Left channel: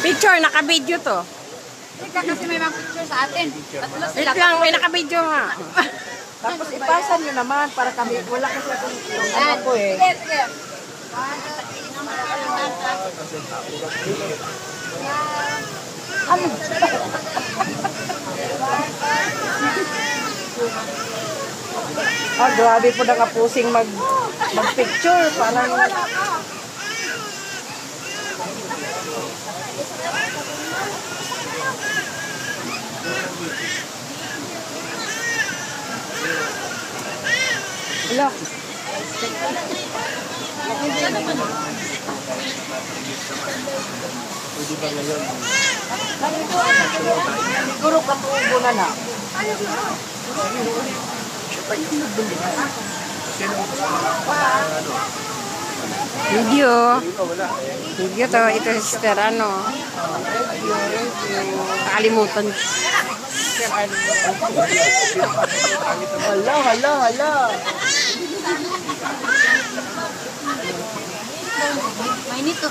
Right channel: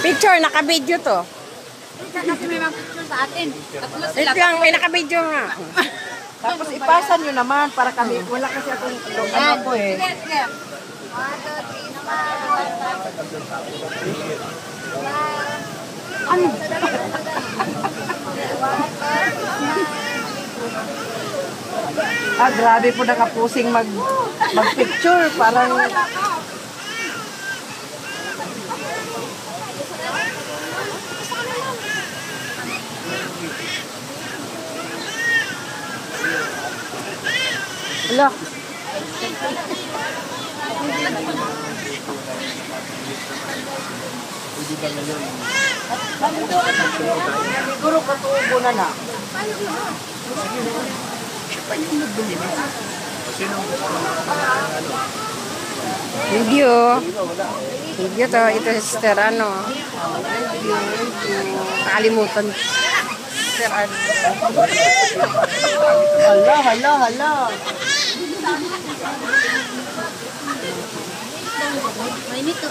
Picture, naka-video to. Kasi may mga picture sa atin. Wait lang, may naka-video nga. Tapos ipasa nyo naman para kami. Wala kasi akong ano ko eh. Sige, sige. Ano? Grabe po nakapusing mag-picture. Parang... Wala. Pwede ba ngayon? Siguro katubo na na. Siya pa yung nagdumi na. Kasi nung gusto ano? Video. Wala eh. Video to. Ito si Sister ano. Nakalimutan. Sister ano. Hala. Mainit to.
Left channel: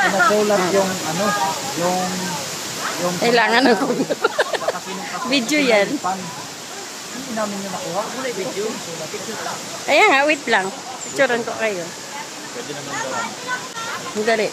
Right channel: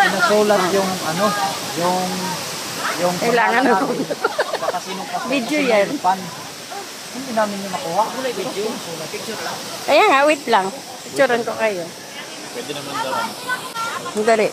Nasulat yung ano, yung Kailangan ako. Video yan. Hindi namin yung nakuha. Video. Kaya nga, wait lang. Picturean ko kayo. Pwede naman daw. Ang dali.